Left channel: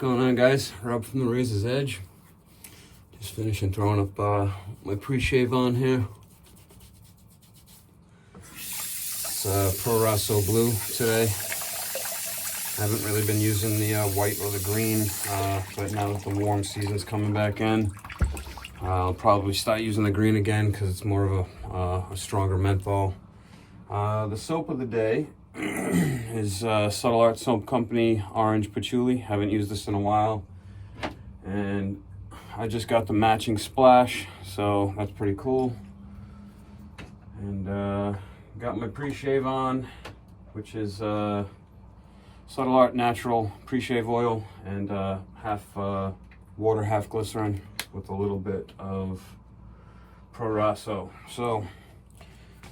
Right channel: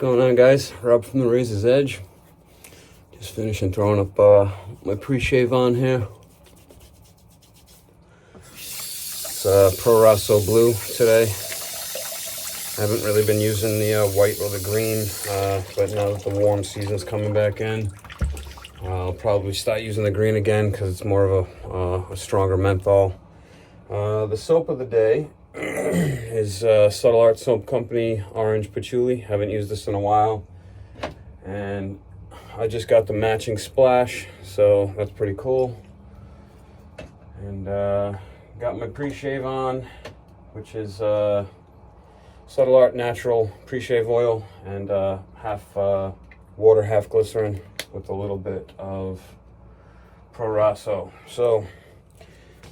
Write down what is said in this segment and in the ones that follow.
going on, guys? Rob from the Razor's Edge. Just finishing throwing up my pre-shave on here. It's Pro Rosso Blue today. I haven't really been using the white or the green, but now that the warm season's coming back in, I'll probably start using the green again because it's more of a stronger menthol. The soap of the day is Subtle Art Soap Company Orange Patchouli. Haven't used this in a while, and I just got the matching splash, so that's pretty cool. And got my pre-shave on, which is Subtle Art Natural Pre-Shave Oil, and half water, half glycerin, with a little bit of Pro Rosso. So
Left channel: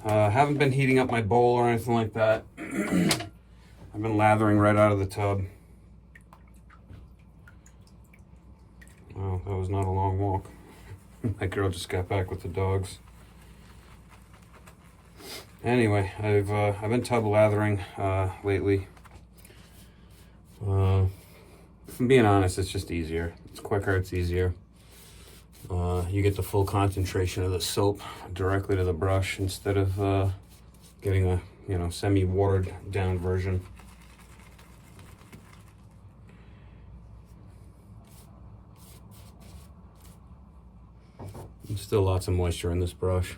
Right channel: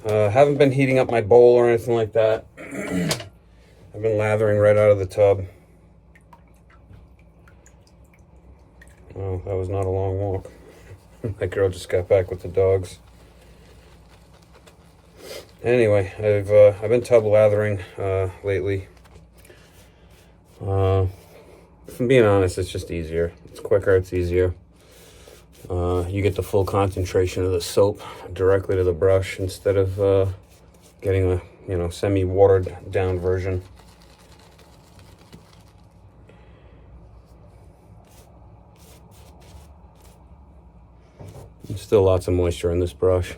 haven't been heating up my bowl or anything like that. I've been lathering right out of the tub. Oh, that was not a long walk. That girl just got back with the dogs. Anyway, I've been tub lathering lately. If I'm being honest, it's just easier. It's quicker, it's easier. You get the full concentration of the soap directly to the brush instead of getting a semi-watered down version. There's still lots of moisture in this brush.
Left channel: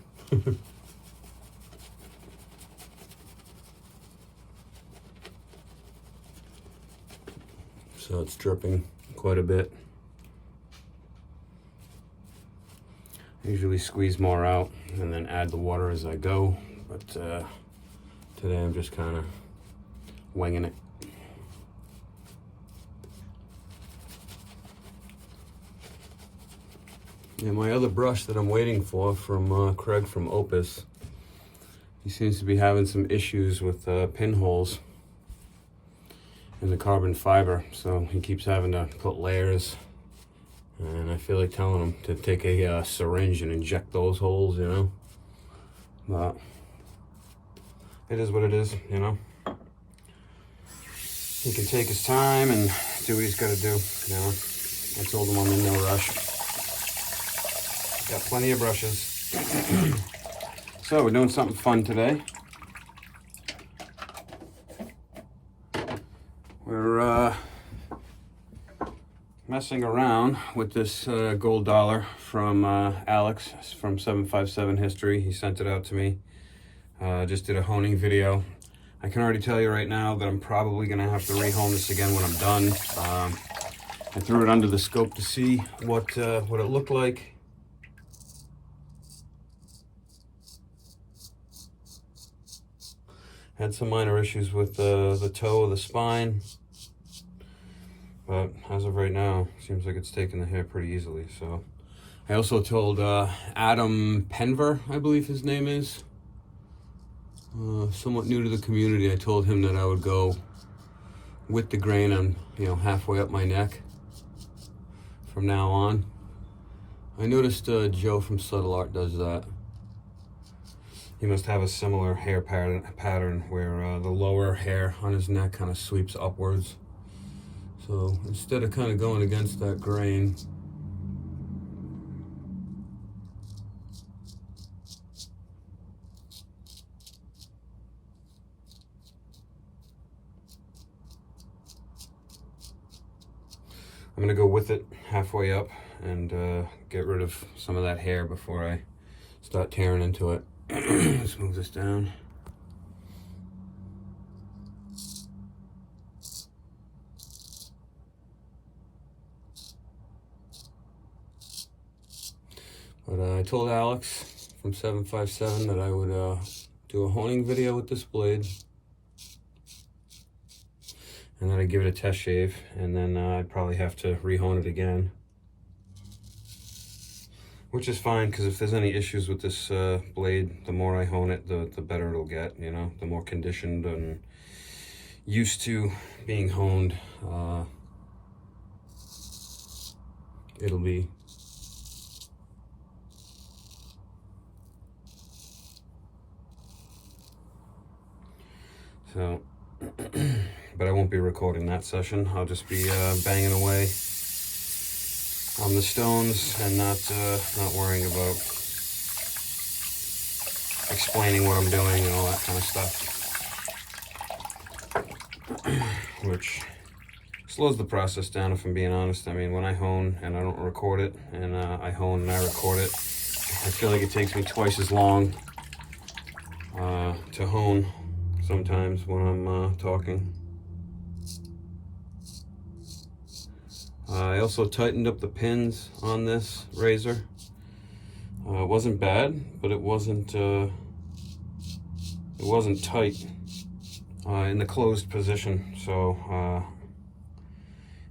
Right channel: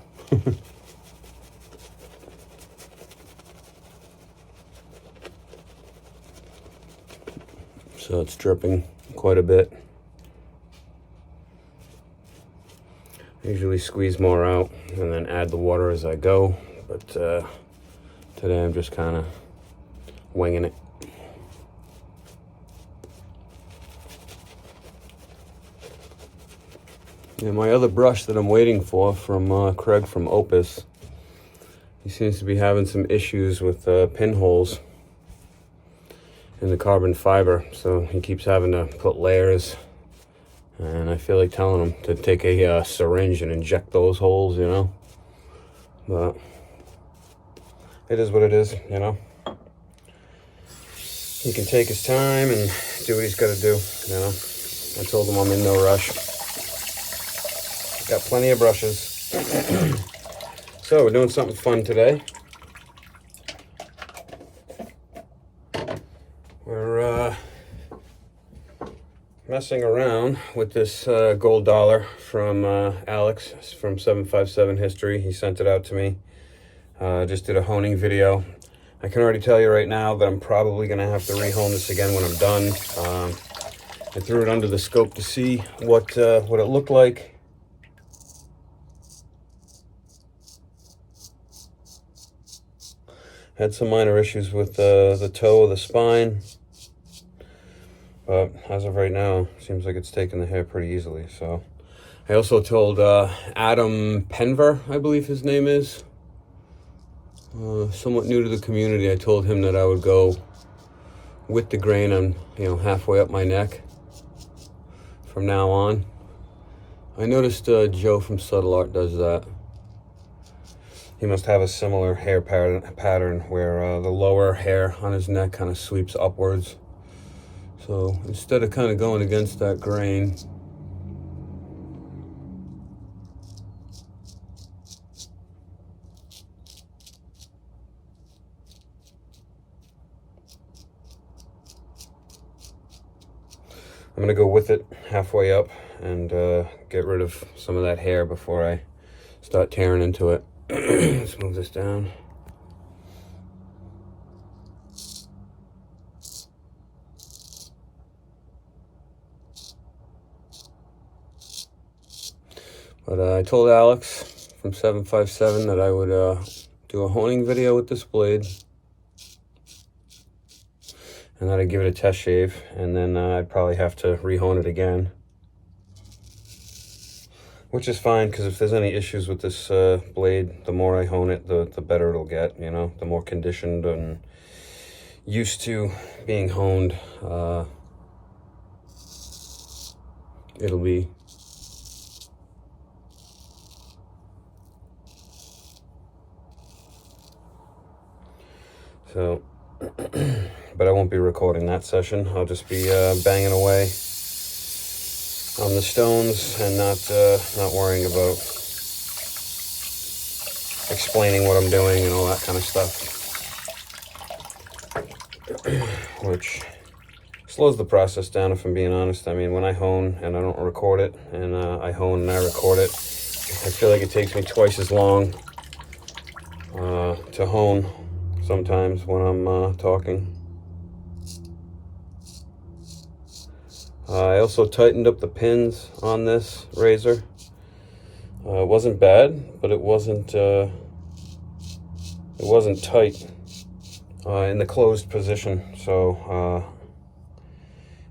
So it's dripping quite a bit. I usually squeeze more out and then add the water as I go, but today I'm just kind of winging it. And my other brush that I'm waiting for from Craig from Opus, he seems to be having some issues with pinholes in the carbon fiber, so he keeps having to put layers. And I feel like telling him to take a syringe and inject those holes, But it is what it is, He can take his time and do what he's got to do, I told him I'm in no rush. Got plenty of brushes. So we're doing something fun today. We're messing around with this gold dollar from Alex from 757 History. He sent it out to me. Just did a honing video. I can already tell you right now that I'm probably going to have to re-hone this again when I'm done. I threw it under the scope to see what it looked like. Had some minor issues with the toe of the spine. But as of right now, seems like it's taking the hair pretty easily. So I also told Adam Penver, I believe his name is, somewhat new to the community. I told him that I would go with the grain on, halfway up my neck from now on. I noticed Joe from Subtle Art does that. He must have a similar hair pattern where the lower hair on his neck kind of sweeps upwards. So instead of kind of going against that grain, I'm gonna go with it halfway up and get rid of some of that hair before I start tearing into it. Let's move this down. But I told Alex from 757 that I would do a honing video with this blade, and that I'd give it a test shave, and then I'd probably have to re-hone it again. Which is fine, because if there's any issues with this blade, the more I hone it, the better it'll get, the more conditioned and used to being honed it'll be. So But I won't be recording that session. I'll just be banging away on the stones and not worrying about explaining what I'm doing and all that kind of stuff. Which slows the process down, if I'm being honest. I mean, when I hone and I don't record it, and I hone and I record it, I feel like it takes me twice as long to hone sometimes when I'm talking. I also tightened up the pins on this razor. It wasn't bad, but it wasn't tight in the closed position. So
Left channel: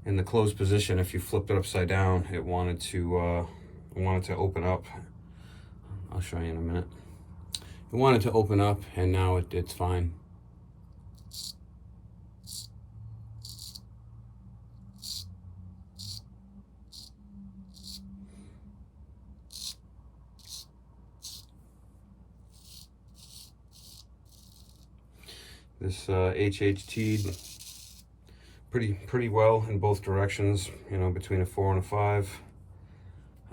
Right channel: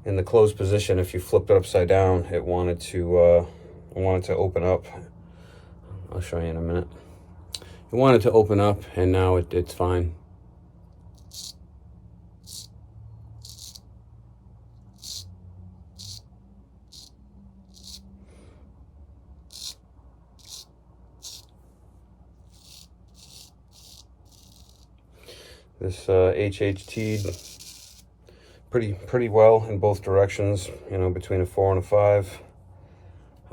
in the closed position, if you flipped it upside down, it wanted to open up. I'll show you in a minute. It wanted to open up, and now it's fine. This HHT'd pretty well in both directions, you know, between a 4 and a 5.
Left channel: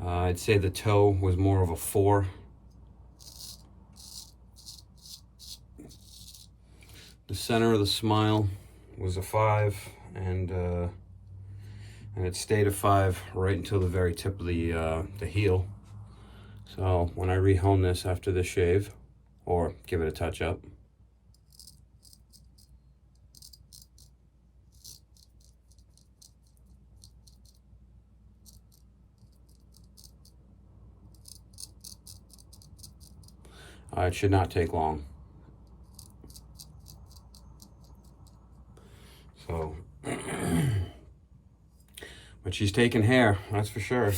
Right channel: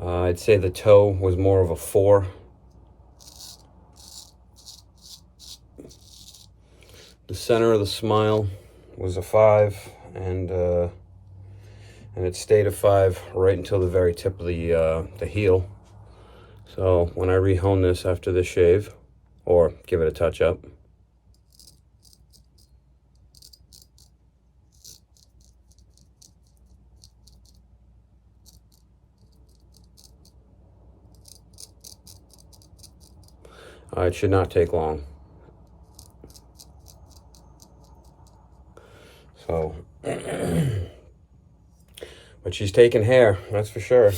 I'd say the toe was more of a 4. The center of the smile was a 5, and it stayed a 5 right until the very tip of the heel. So when I rehone this after the shave, or give it a touch up, it should not take long. So, but she's taking hair, that's for sure.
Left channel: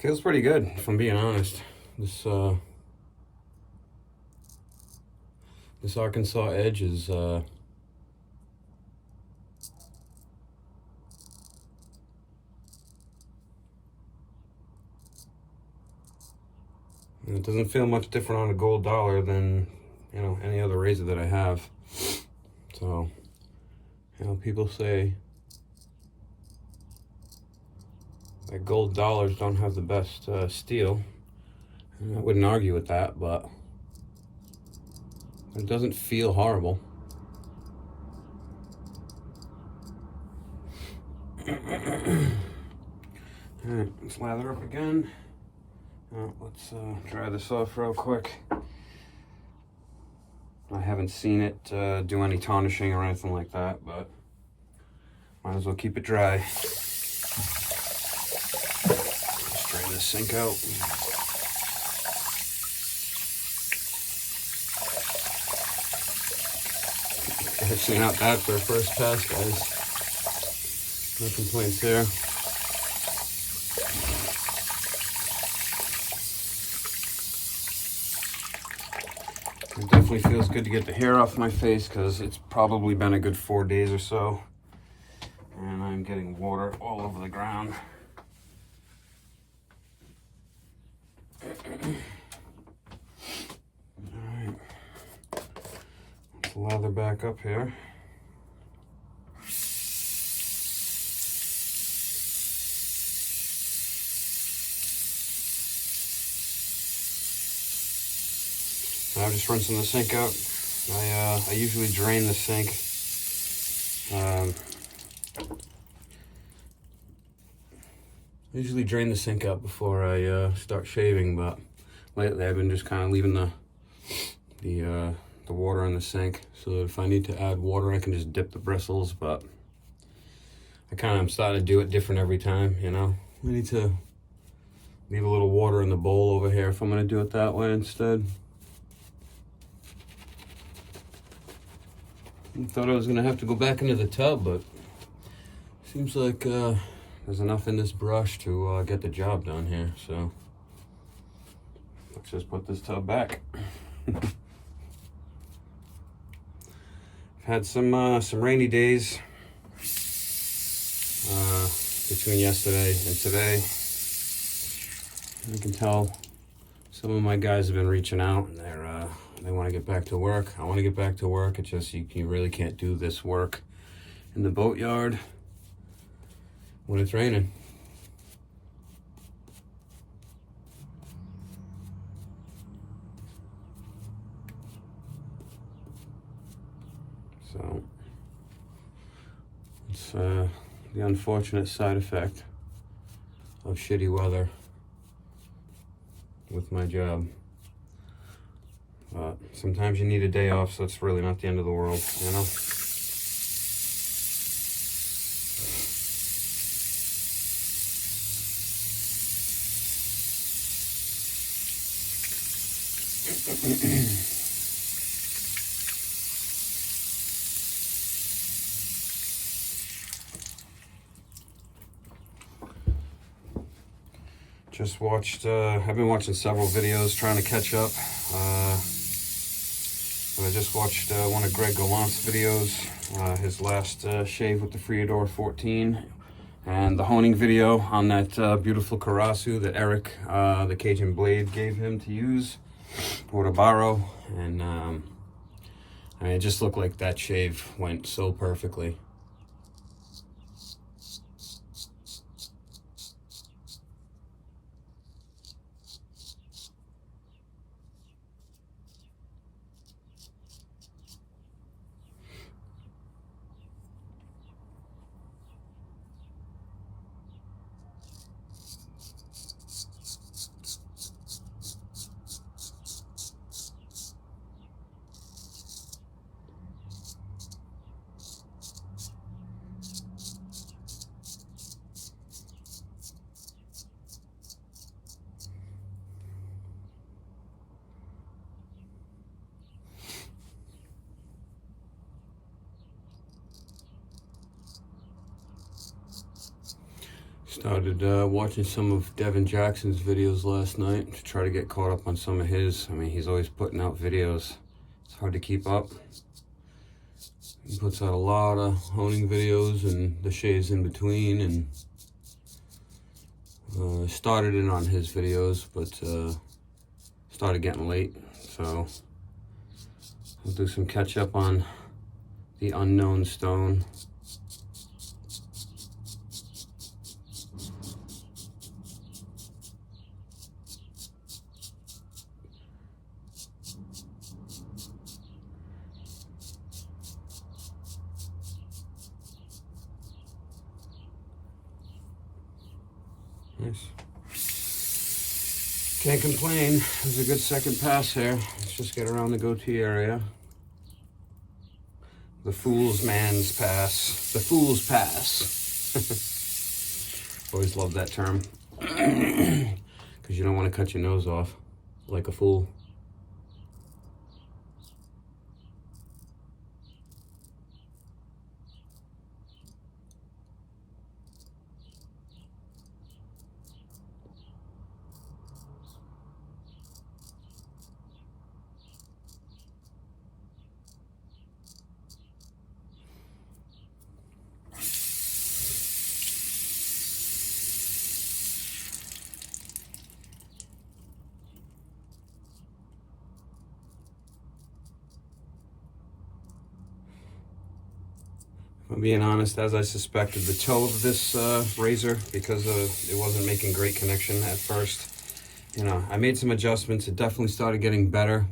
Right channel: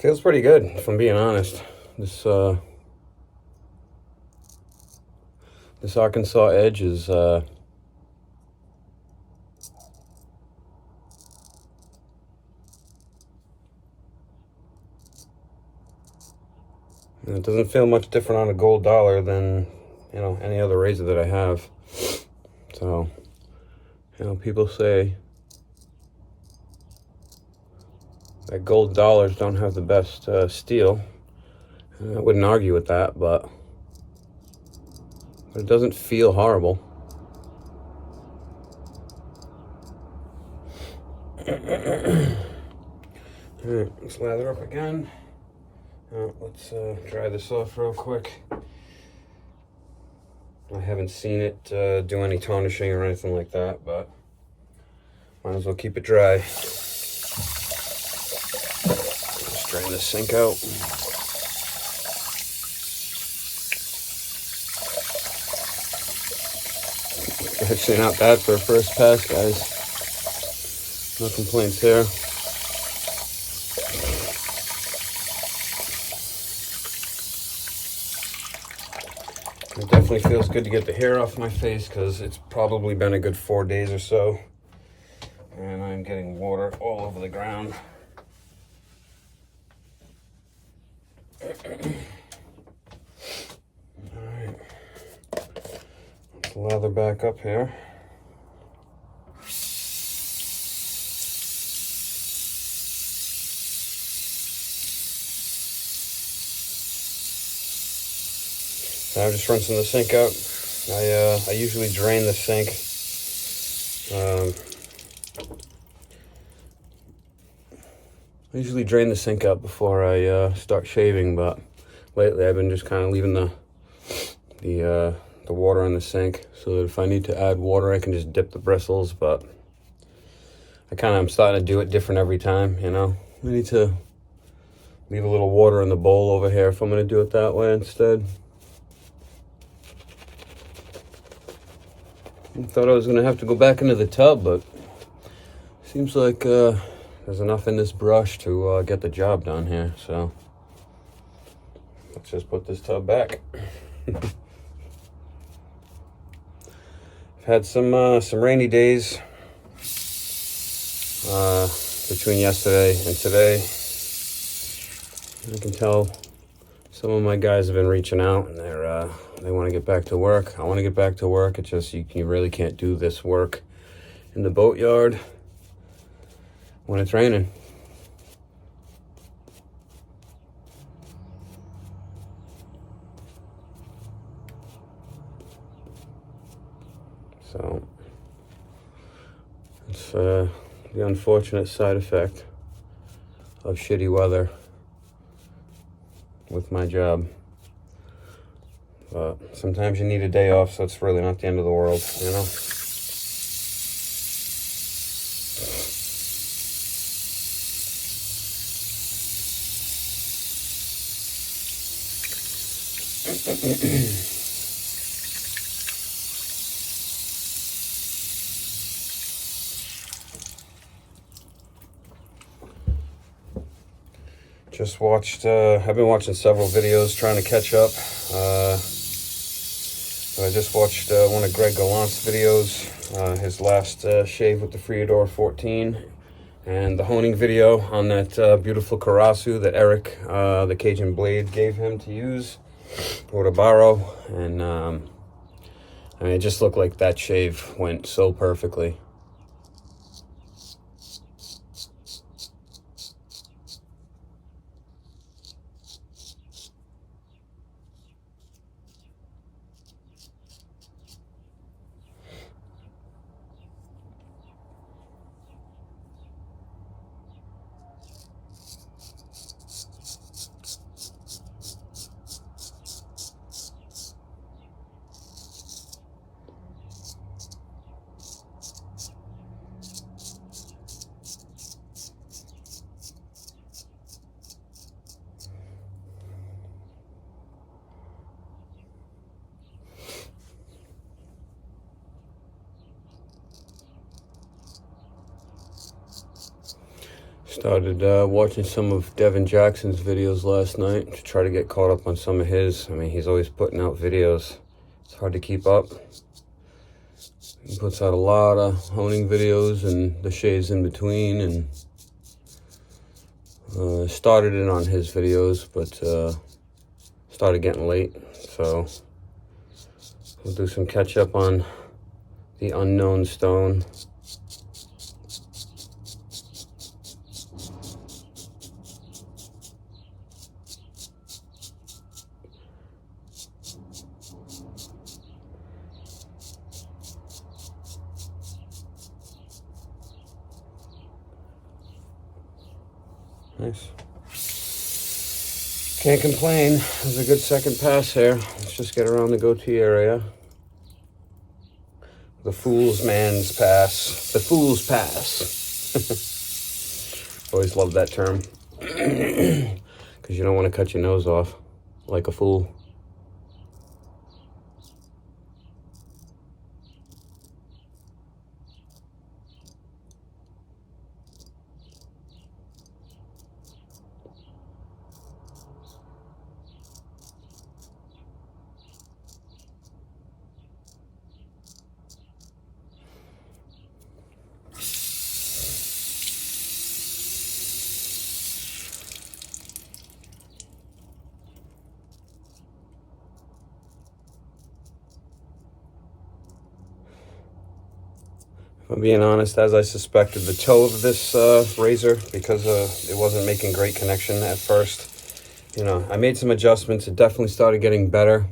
Feels pretty good, if I'm being honest. This Arkansas edge is it doesn't feel much different on a gold dollar than, you know, any other razor that I have. So, you know, people say that gold dollars don't have the best steel. And I wouldn't argue with that, but it doesn't feel horrible. All right, let's lather up again. Let's dry this off real quick. I haven't seen it do any tarnishing or anything like that, but might as well keep it dry. Let's drain the sink out. Actually not bad for a first pass, guys. No complaints there. It definitely feels good to get the hair off my face because it's probably been a good 4 days or so. And I'm getting water all over the ground. Alright. Let's lather back up here. I'm just rinsing the sink out. I usually drain the sink. I usually drain the sink out before I start shaving, but lately I've been just kind of leaving the water in the sink so that if I need to add water, I can just dip the bristles. But I'm starting to do it different every time. You know, I need to leave a little water in the bowl over here if I'm gonna do it that way instead. I thought I was gonna have to go back into the tub, but seems like there's enough in this brush to get the job done here, so let's just put this tub back. I've had some rainy days between yesterday and today. I can tell some of my guys have been reaching out, and they want to get back to work. I want to get back to work. It's just you really can't do this work in the boatyard when it's raining. So it's the unfortunate side effect of shitty weather with my job. But sometimes you need a day off, so it's really not the end of the world, you know? Just watched, I've been watching several videos trying to catch up. But I just watched one of Greg Gallant's videos, his last shave with the Freedor 14, and the honing video on that beautiful Karasu that Eric, the Cajun Blade, gave him to use, or to borrow. And I mean, it just looked like that shave went so perfectly. Started watching some of Devin Jackson's videos last night to try to get caught up on some of his. I mean, he's always putting out videos. It's hard to keep up. He puts out a lot of honing videos and the shaves in between, and started it on his videos, but started getting late. So we'll do some catch up on the unknown stone. Nice. Can't complain. It was a good second pass here. Let's just get around the goatee area. The fool's man's pass. The fool's pass. Always love that term. Because you don't want to cut your nose off like a fool. If I'm being honest, as I suspected, the toe of this razor, because it wasn't making great connection at first, you know, I made some adjustments. It definitely started getting better.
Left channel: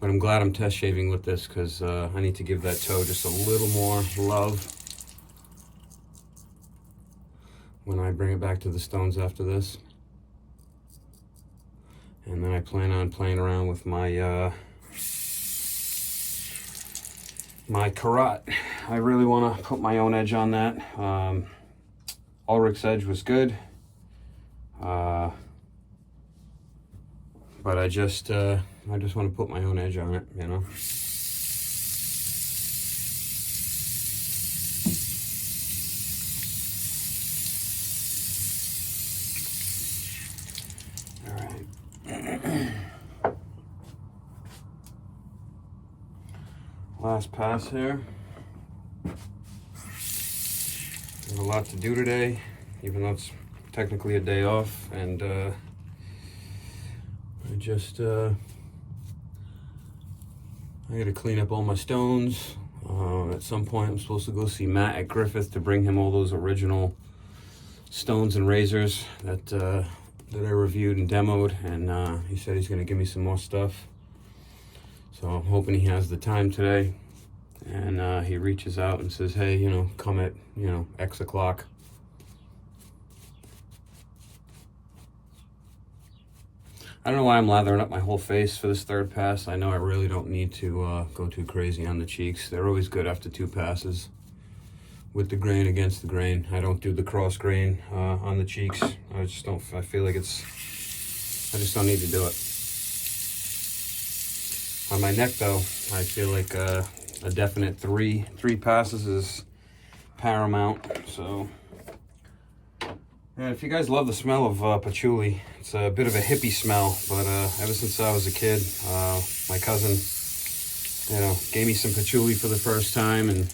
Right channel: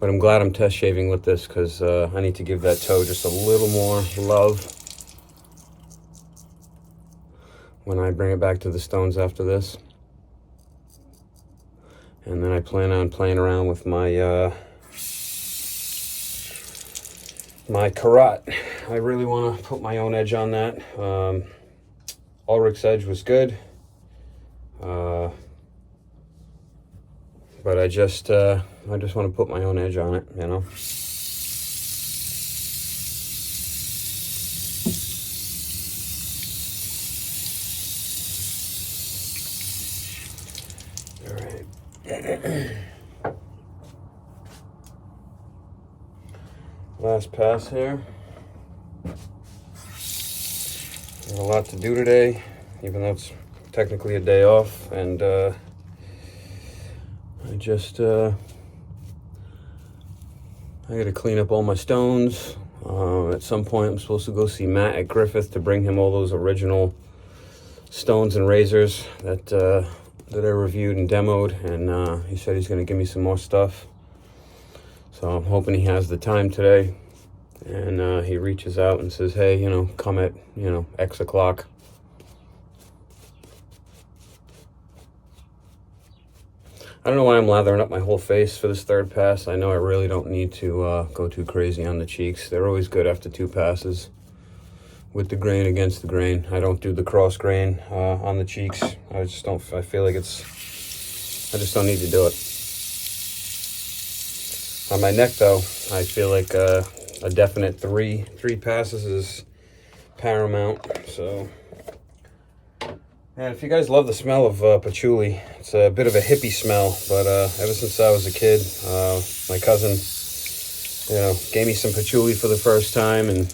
But I'm glad I'm test shaving with this, because I need to give that toe just a little more love when I bring it back to the stones after this. And then I plan on playing around with my my carrot. I really want to put my own edge on that. Ulrich's edge was good. But I just want to put my own edge on it, you know. All right. Last pass here. There's a lot to do today, even though it's technically a day off, and I gotta clean up all my stones. At some point, I'm supposed to go see Matt at Griffith to bring him all those original stones and razors that I reviewed and demoed, and he said he's gonna give me some more stuff. So I'm hoping he has the time today, and he reaches out and says, hey, you know, come at, you know, X o'clock. I don't know why I'm lathering up my whole face for this third pass. I know I really don't need to go too crazy on the cheeks. They're always good after 2 passes with the grain against the grain. I don't do the cross grain on the cheeks. I feel like I just don't need to do it. On my neck though, I feel like a definite three passes is paramount. So yeah, if you guys love the smell of patchouli, it's a bit of a hippie smell, but ever since I was a kid, my cousin, you know, gave me some patchouli for the first time, and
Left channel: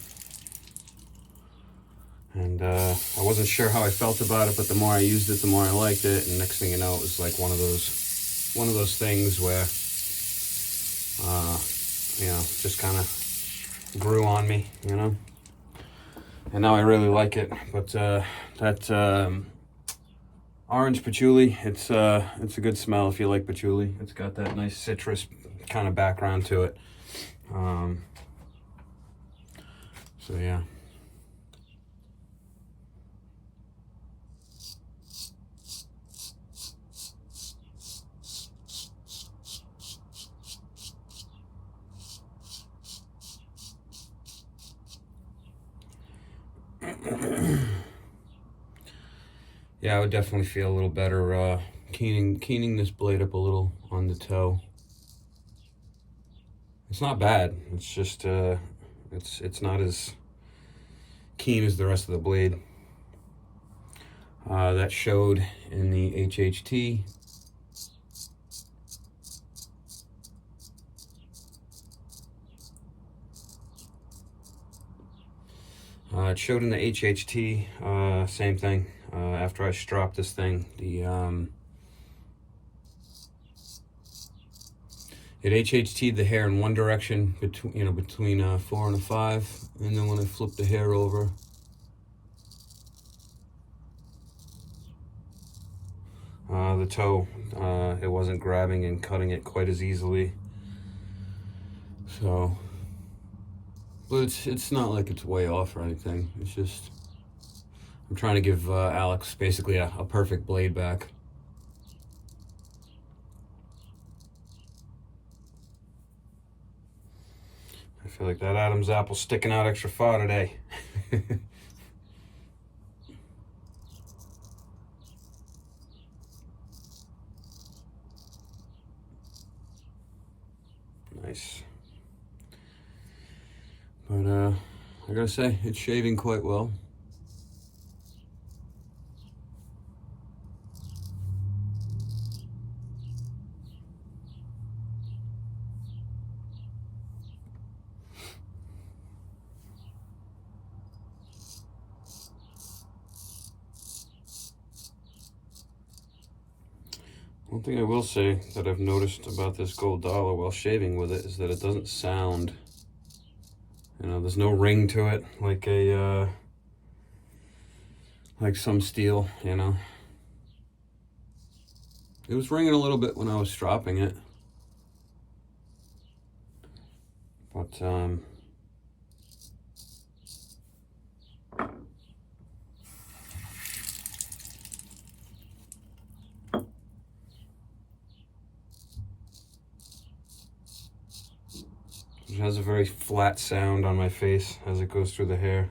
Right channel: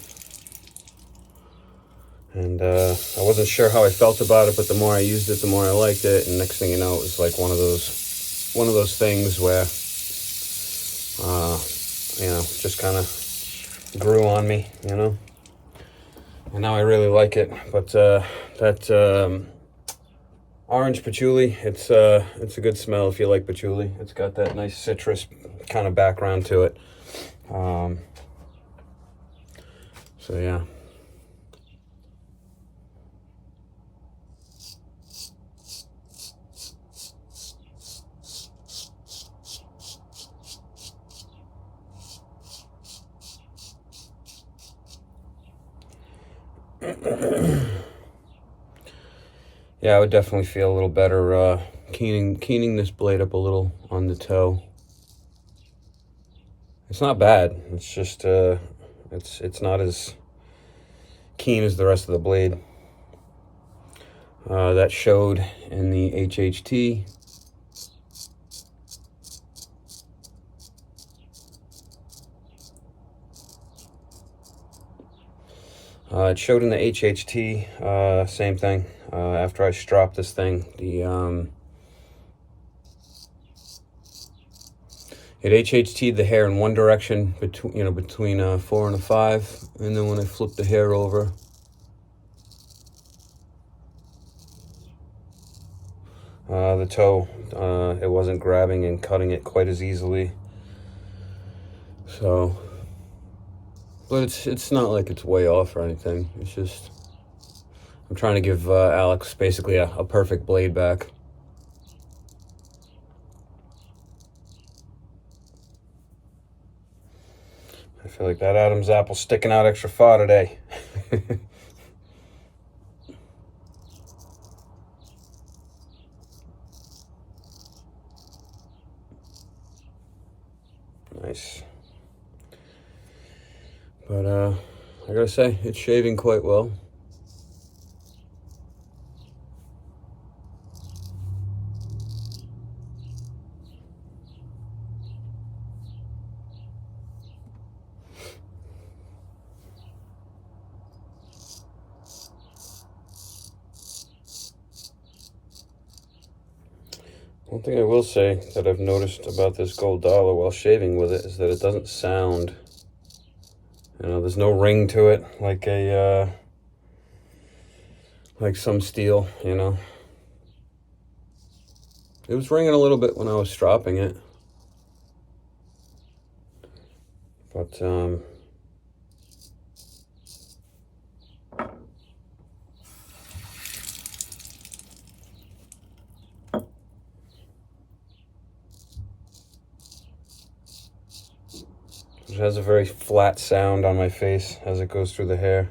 I wasn't sure how I felt about it, but the more I used it, the more I liked it, and next thing you know, it was like one of those things where you know, just kind of grew on me, you know, and now I really like it. But that orange patchouli, it's a good smell if you like patchouli. It's got that nice citrus kind of background to it. So yeah. Yeah, I would definitely feel a little better keening this blade up a little on the toe. It's not bad. It's just it's not as keen as the rest of the blade. That showed in the HHT. It showed in the HHT, same thing. After I stropped this thing, it HHT'd the hair in one direction between a 4 and a 5, and then when I flipped the hair over, the toe, it wasn't grabbing and cutting it quite as easily. So, but it's not like it's way off or anything. It's just I'm trying to give Alex basically a perfect blade back. I feel like that Adam's apple's sticking out extra far today. Nice. But I gotta say, it's shaving quite well. One thing I will say that I've noticed about this gold dollar while shaving with it is that it doesn't sound, you know, there's no ring to it like like some steel, you know. It was ringing a little bit when I was stropping it, but it has a very flat sound on my face as it goes through the hair.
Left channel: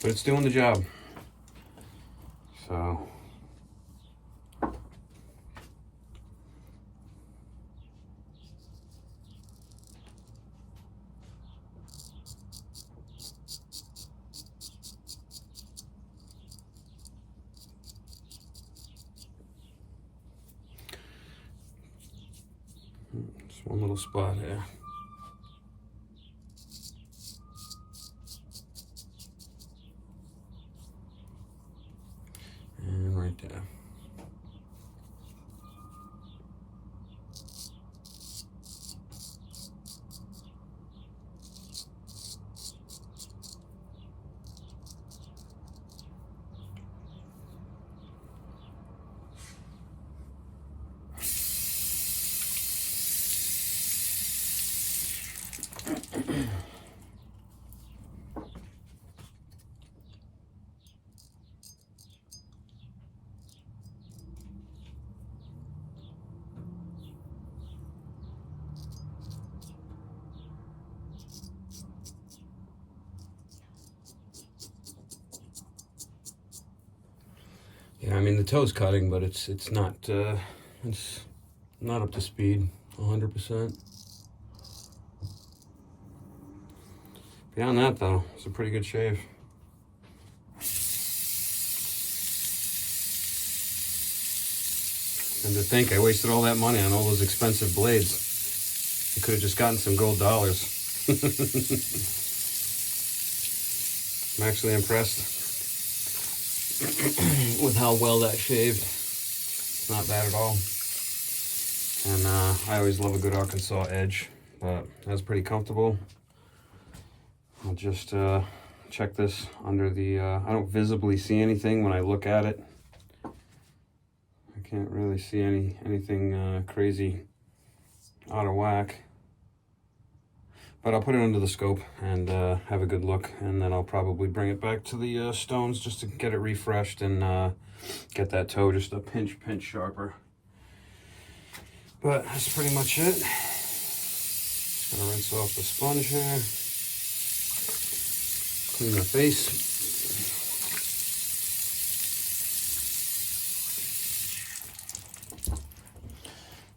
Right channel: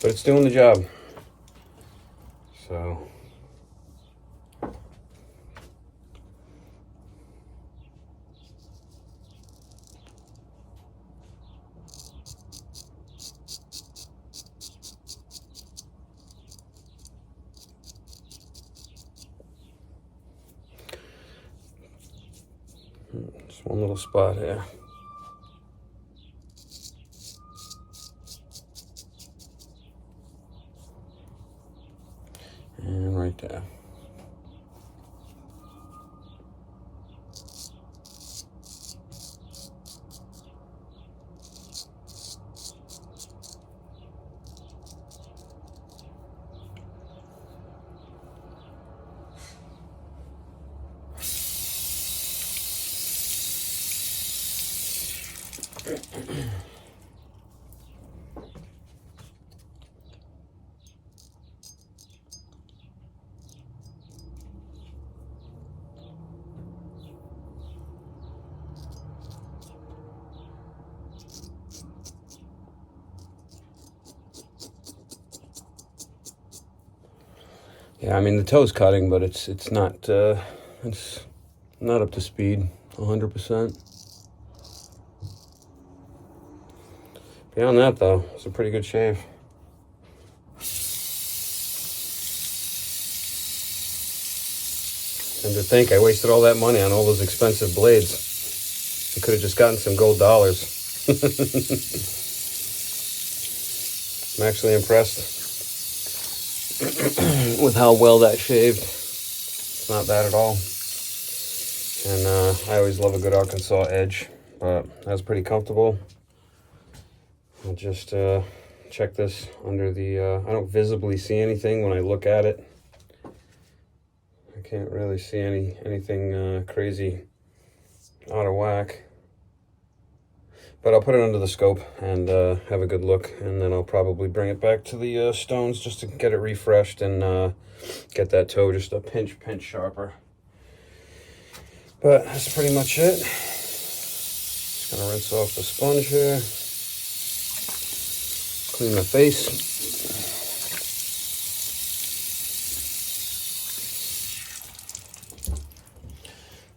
But it's doing the job. So just one little spot here. And right there. Yeah, I mean the toe's cutting, but it's not up to speed 100%. Beyond that though, it's a pretty good shave. And to think I wasted all that money on all those expensive blades. I could have just gotten some gold dollars. I'm actually impressed with how well that shaved. It's not bad at all. And I always love a good Arkansas edge, but that's pretty comfortable. I'll just check this under the, I don't visibly see anything when I look at it. I can't really see anything crazy out of whack. But I'll put it under the scope and have a good look, and then I'll probably bring it back to the stones just to get it refreshed and get that toe just a pinch sharper. But that's pretty much it. Just gonna rinse off the sponge here. Clean the face.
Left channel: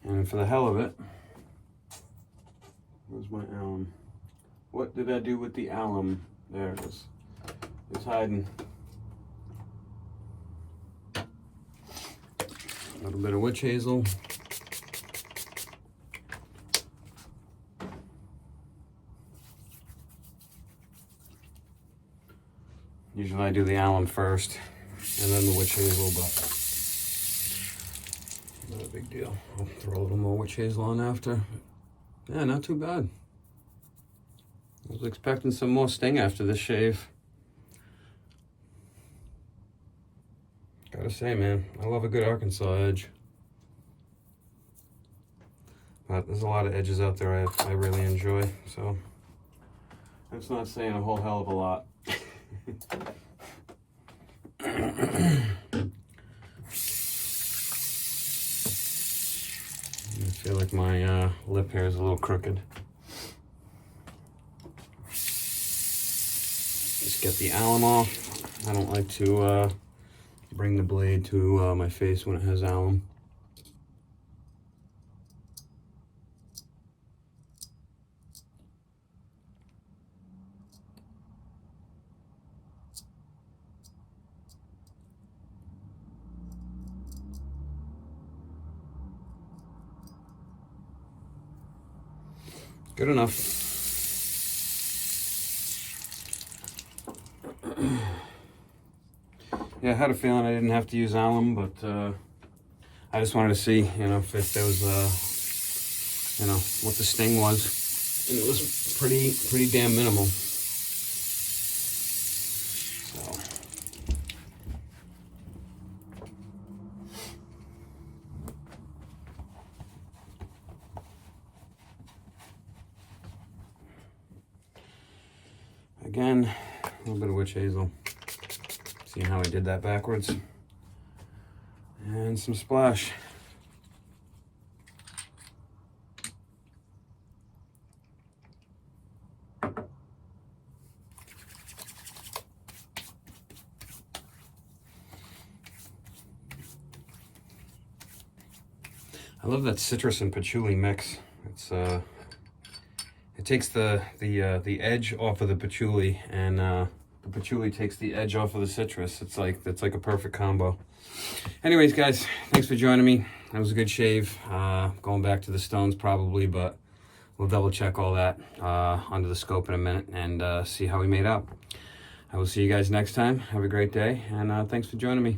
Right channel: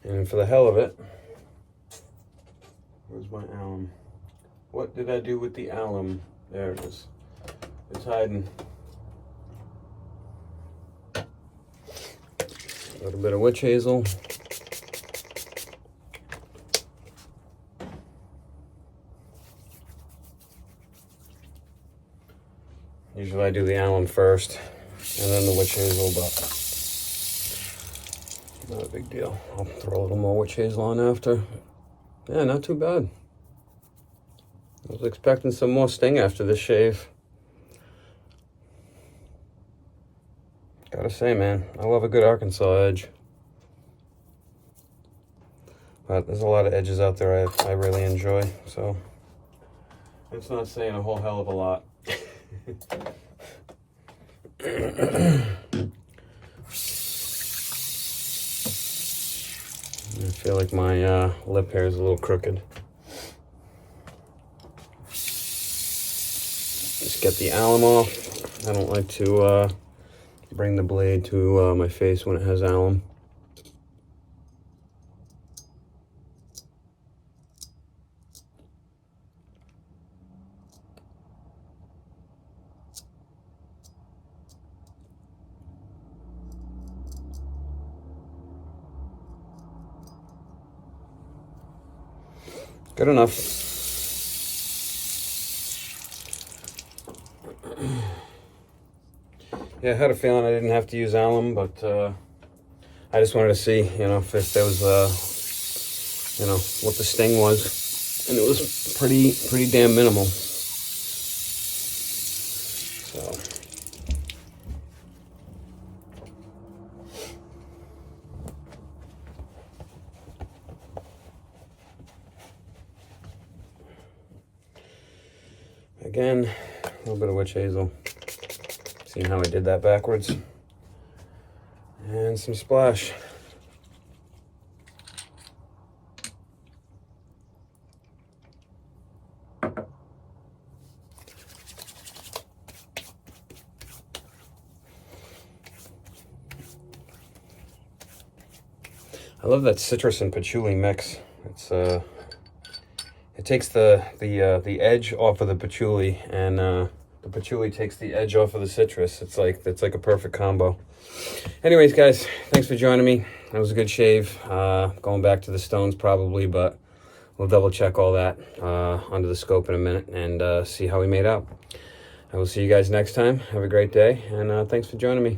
And for the hell of it, where's my alum? What did I do with the alum? There it is. It's hiding. A little bit of witch hazel. Usually I do the alum first and then the witch hazel, but not a big deal. I'll throw a little more witch hazel on after. Yeah, not too bad. I was expecting some more sting after this shave. Gotta say, man, I love a good Arkansas edge. But there's a lot of edges out there I really enjoy, so it's not saying a whole hell of a lot. I feel like my lip hair is a little crooked. Just get the alum off. I don't like to bring the blade to my face when it has alum. Good enough. Yeah, I had a feeling I didn't have to use alum, but I just wanted to see, you know, if there was, you know, what the sting was, and it was pretty damn minimal. So. Again, a little bit of witch hazel. See how I did that backwards. And some splash. I love that citrus and patchouli mix. It's it takes the edge off of the patchouli, and the patchouli takes the edge off of the citrus. It's like a perfect combo. Anyways, guys, thanks for joining me. That was a good shave. Going back to the stones probably, but we'll double check all that under the scope in a minute and see how we made out. I will see you guys next time. Have a great day, and thanks for joining me.